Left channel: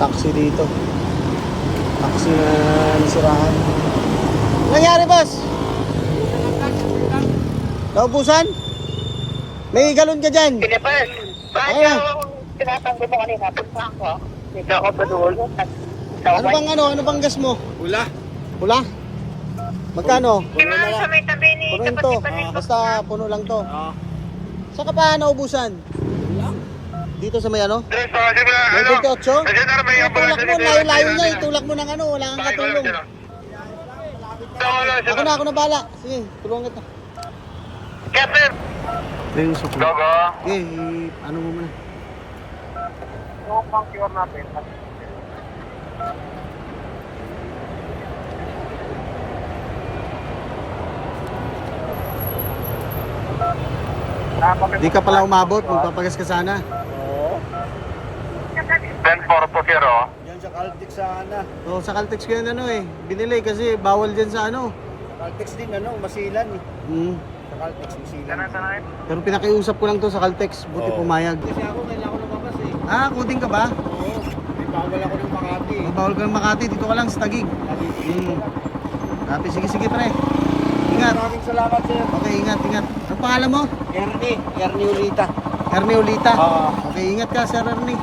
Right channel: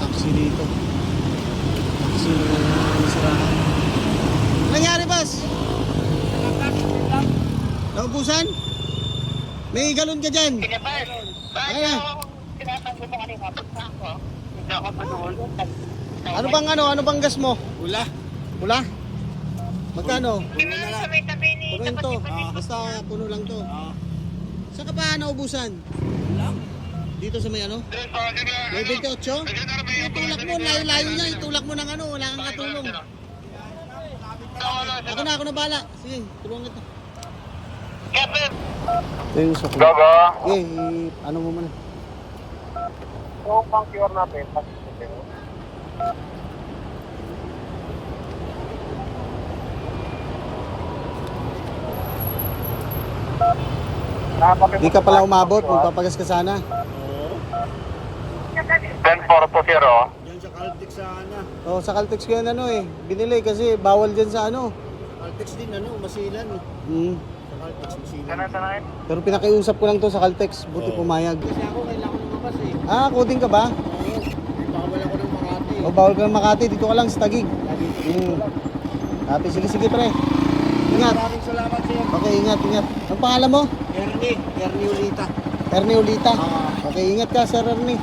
Taxi dito. Taxi na nasiraan. Ano nangyari, boss? Naubusan? May galon ka dyan? Ayun. Tinatanggol mo kanina, punta ako. Hindi ako padulo. Ano bang gas mo? Pula. Pula? Magkano? Puno na lang. Sa may tabi ni Punuin to. Basta puno lang to. Ah. Saan ka pa naubusan? Wala. Dito sa may ano? May 28? Itulak mo, layo-layo niya. Itulak mo ng ano, wala kang katulong. Ako na bala. Sige, tulungan kita. Ito yung sukli. Okay, ano mo muna? yung pang-cure natin. Di ka pala umabot, magpapagas ka sana. Oo. 10-4 po, Kiro. Yan sa Caltex sana. O, sa Caltex ko yan ano eh. Binili kasi bawal dyan sa ano. Sa Caltex din masilan eh. Sa Caltex masilan. Pero pinakiusap ko lang to sa Caltex, buti Oo. pumayag. Kasi ako kailangan ko lumabas eh. Ah, coding ka ba? Oo. Bawal ako ng Makati eh. O, bawal ka ng Makati, dito ka lang sa Taguig. Lagi. Happy, sige pre. Ingat. Maraming salamat sir. Okay, ingat. Ang pangalan mo? Ernie Ulita. Ernie Ulita. Oo. Okay, ingat ka Sir Ernie.